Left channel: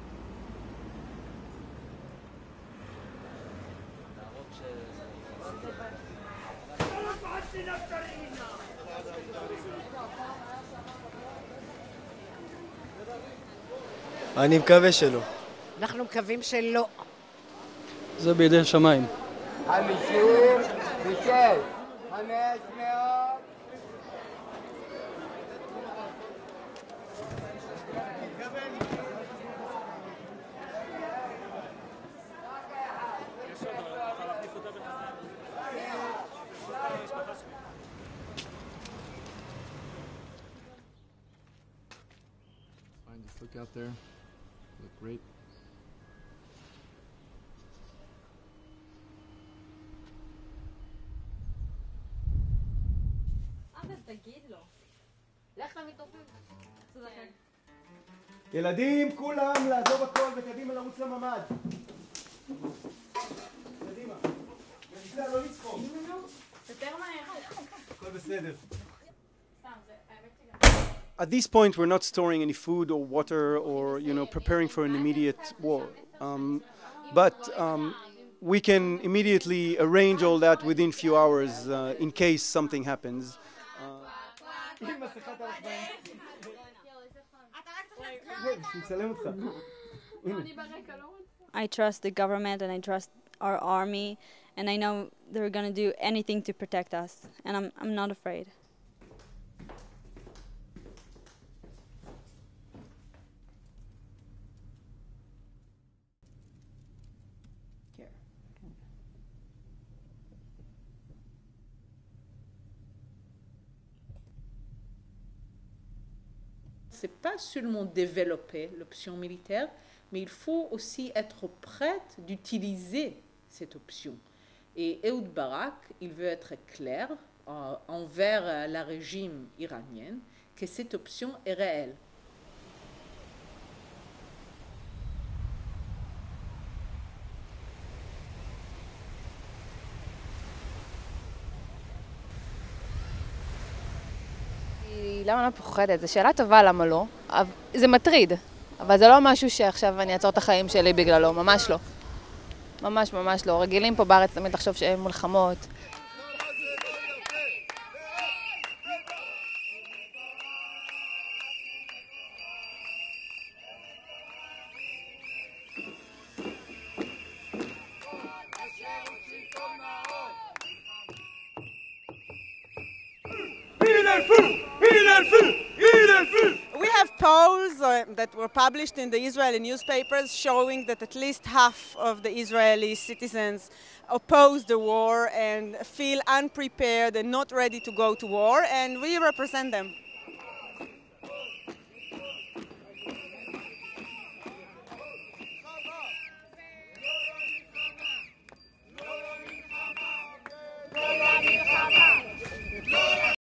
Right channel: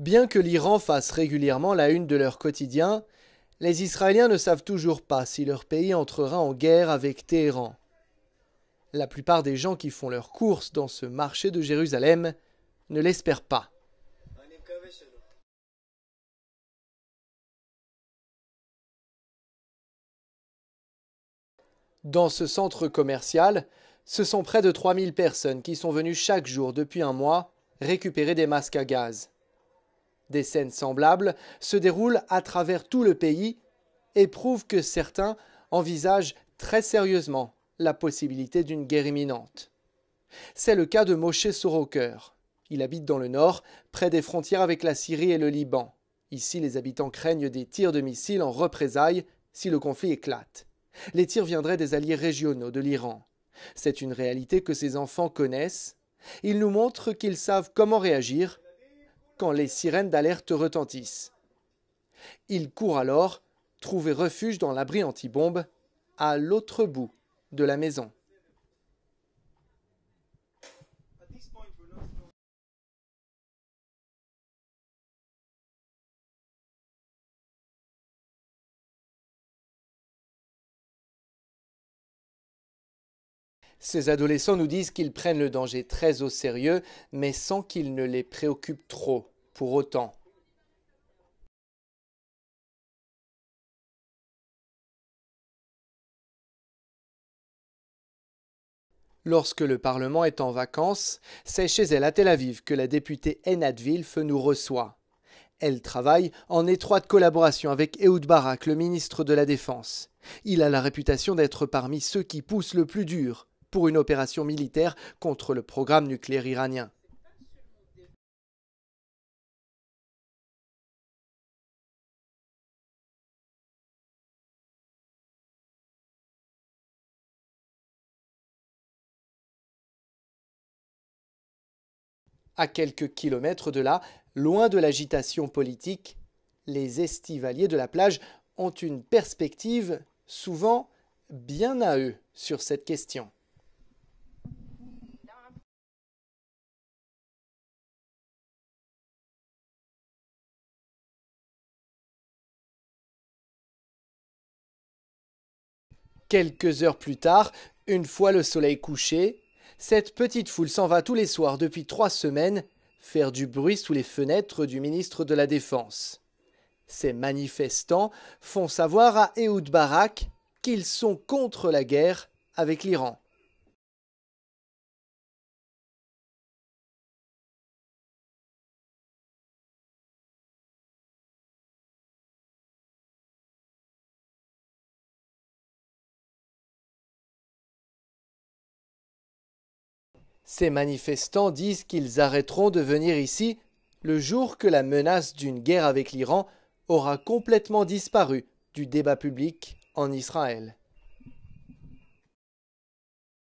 Bien que l'Iran fasse régulièrement la une de leur quotidien, les Israéliens ne savent toujours pas si leur pays entrera en guerre avec Téhéran. La plupart des gens qui font leurs courses dans ce marché de Jérusalem ne l'espèrent pas. אני מקווה שלא. אנחנו מקווים שלא. זה בידי שמיים. Dans ce centre commercial, ce sont près de 3000 personnes qui sont venues chaque jour depuis un mois récupérer des masques à gaz. Des scènes semblables se déroulent à travers tout le pays et prouvent que certains envisagent très sérieusement la possibilité d'une guerre imminente. C'est le cas de Moshe Soroker. Il habite dans le nord, près des frontières avec la Syrie et le Liban. Ici, les habitants craignent des tirs de missiles en représailles si le conflit éclate. Les tirs viendraient des alliés régionaux de l'Iran. C'est une réalité que ces enfants connaissent. Ils nous montrent qu'ils savent comment réagir quand les sirènes d'alerte retentissent. Ils courent alors trouver refuge dans l'abri anti-bombe à l'autre bout de la maison. At this point, we're not storing any food or water or, preparing for an immediate war. But we can immediately arrange all that within few hours in case something happens. Ces adolescents nous disent qu'ils prennent le danger très au sérieux, mais sans qu'il ne les préoccupe trop pour autant. I trust the government and I trust our army and I know they're going to do anything to protect us and I'm not afraid. Lorsque le Parlement est en vacances, c'est chez elle à Tel Aviv que la députée Einat Wilf nous reçoit. Elle travaille en étroite collaboration avec Ehud Barak, le ministre de la Défense. Il a la réputation d'être parmi ceux qui poussent le plus dur pour une opération militaire contre le programme nucléaire iranien. Ce n'est pas seulement développer l'option militaire, mais il faut aussi être prête d'utiliser cette option. Et Ehud Barak, il veut être clair envers le régime iranien que cette option est réelle. À quelques kilomètres de là, loin de l'agitation politique, les estivaliers de la plage ont une perspective souvent bien à eux sur cette question. למה אני פוחדת? זו שאלה טובה למה לא. זה מטריד, אבל זה לא משהו שעכשיו אני אעצור את החיים שלי בגללו, ממש לא. ממש ממש לא. רגילים פה בארץ תמיד לחשוב שאין מלחמות. Quelques heures plus tard, une fois le soleil couché, cette petite foule s'en va tous les soirs depuis 3 semaines faire du bruit sous les fenêtres du ministre de la Défense. Ces manifestants font savoir à Ehud Barak qu'ils sont contre la guerre avec l'Iran. We have polls that were published in the Israeli newspapers showing that at least half of the Israeli citizens oppose the war and feel unprepared and not ready to go to war, and we represent them. Ces manifestants disent qu'ils arrêteront de venir ici le jour que la menace d'une guerre avec l'Iran aura complètement disparu du débat public en Israël.